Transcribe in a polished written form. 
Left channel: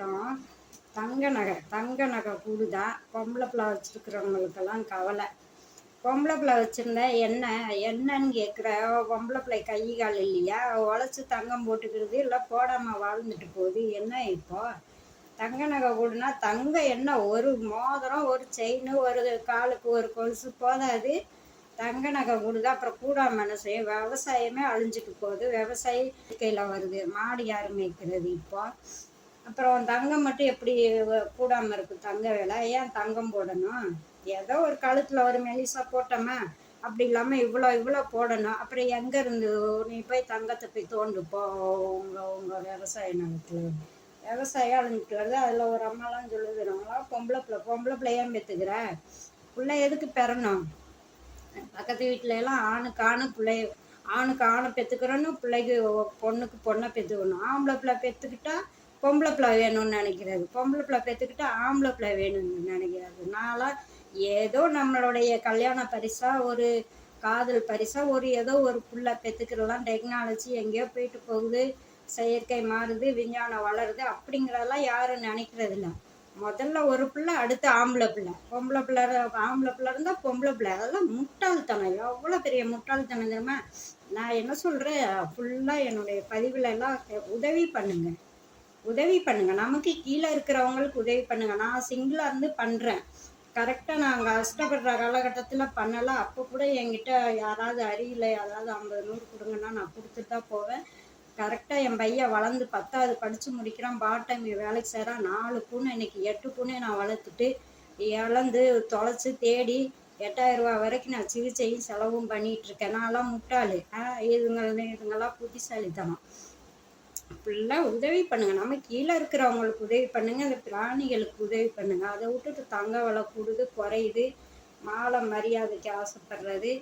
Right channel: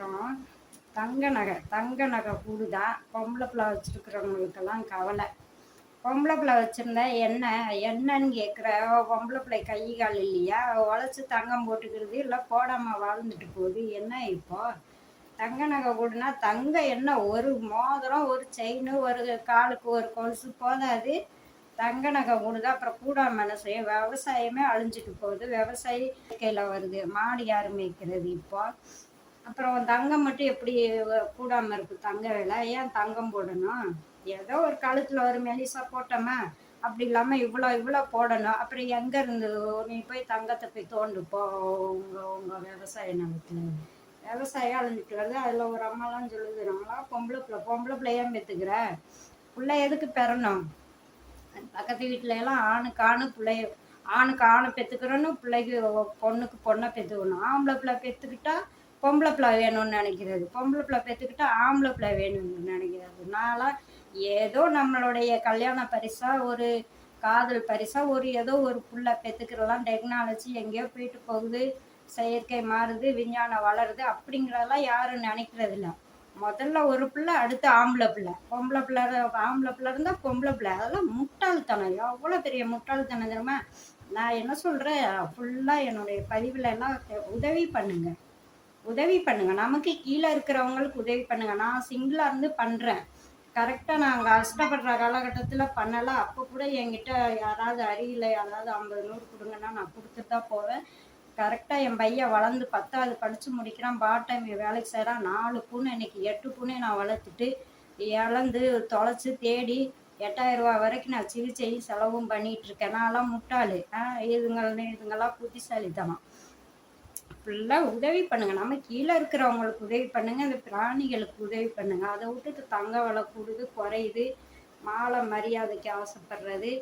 அப்புறம் தங்க நகை கூடுதா? பொம்பளை பிள்ளை வச்சுருக்கிறவங்களுக்கெல்லாம் கவலை. பொம்பளை பிள்ளை வச்சுருந்தா என்னன்னு கேட்குற? பொம்பளை பிள்ளை கை கால் இல்லையா? உழைச்சி தங்கம் போட்டுக்கிறது இல்லை போடாமல் வாழ்ந்துட்டு போகுது. என்ன இப்போ தங்க நகை கூடுனா தங்கம் என்ன ஒரு மோதிரம் ஒரு செயின் ஒரு காலுக்கு ஒரு கொலுசு போதாது. தங்க நகை கூடுதா? அப்புறம் கூடாம என்ன செய்ய? விவசாயமே அழிஞ்சிட்டு போகுது. விவசாயி கையில் வருது. மாடு யார் மேய்க்கிறது இப்போ? அப்புறம் தங்கம் மட்டும் எப்படி கூடாமல் இருக்குது? தங்க விலை ஏன் தங்கம் போடணும்? ஏதோ ஒரு கழுத்தில் ஒரு மெலிசா போட்டோமா? அப்படி இல்லாமல் இவ்வளோ போடணும். அப்புறம் எங்கேருந்து நீ போய் தங்கத்தை போய் தோண்டு போ உங்கள் விவசாய நிலத்துல. விவசாயம் அழிஞ்சிட்டு வருது. அதில் ஒரு அம்மாலாம் சொல்லுது, நம்மளாம் பொம்பளை பிள்ளை ஏன் பெற்றுக்கிற? பிள்ளை எதுக்கு பெறணும்? பக்கத்து வீட்டில எல்லாம் ஆணுக்கு ஆணை பெற்றுக்கிறோன்னு பிள்ளைக்கு பொண்ணுக்கு பொண்ணை பெற்றுக்கணும். ஆம்பளை பிள்ளை பெற்றுக்கிட்டா பொம்பளை பிள்ளை வேணும்னு நினைக்கிறது. பொம்பளை பிள்ளை பெற்றுக்கிட்டா ஆம்பளை பிள்ளை வேணும்னு நினைக்கிறது. நான்லாம் ஏதோ நம்மளுடைய கல்யாண பரிசா ஒரு காதல் பரிசா ஏதோ ஒரு புள்ள பெற்றுக்கிறலாம். டெக்னாலஜி எங்கேயோ போயிட்டு போகுது, செயற்கை மாறுது, விஞ்ஞானம் வளருது, அப்படிங்கிறதெல்லாம் யாரும் நினைக்கிறது இல்லை. முதல்ல ஒரு பிள்ளை, அடுத்து ஆம்பளை பிள்ளை. ஆம்பளை பிள்ளை இருந்தால் பொம்பளை பிள்ளை. அதெல்லாம் முட்டாள்தனம். எவ்வளோ பெரிய முட்டாள்தனம் தெரியுமா? நான் என்ன சொல்கிறேன், ஃபுல்லாக என்னுடைய பதிவில் எல்லாம் உதவி பண்ணுங்க. நமக்கு கீழே இருக்கிறவங்களுக்கு உதவி பண்ணுங்க. நான் சிங்கிளாக இருந்து பண்ணுறேன். கரெக்டாக நாங்கள் கஷ்டப்படுற காலகட்டத்தில் பண்ணலாம். அப்போ கூட என்கிட்ட யாராவது அறியல, யாராவது 50 100 கொடுங்கன்னா நான் கொடுத்துட்டு தான் போவேன். கரெக்டாக என் பையன் வளர்ந்து 10வது படித்து முடிக்கிறான். பார்ட் டைம் வேலைக்கு செய்கிறான். 4 பூனை, இன்னைக்கு 8 பூனை நான் வளர்த்துட்டு இழந்து தொலைச்சி தேடி 8000 ரூபா வரைக்கும் நான் சிகிச்சையும் செலவும் பண்ணிகிட்ருக்கேன். நான்லாம் முட்டாள். இதுங்கெல்லாம் புத்திசாலித்தனம். ஃபுல்லாக உதவி பண்ணுங்க. நம்ம கீழே இருக்கிறவங்களுக்கு உதவி பண்ணுங்க. இந்த பிராணிகளுக்கு உதவி பண்ணுங்க. அதை விட்டுட்டு தங்க விலை கூடுது குறையுது, மாலை மரியாதைக்கு ஆசைப்படுறது,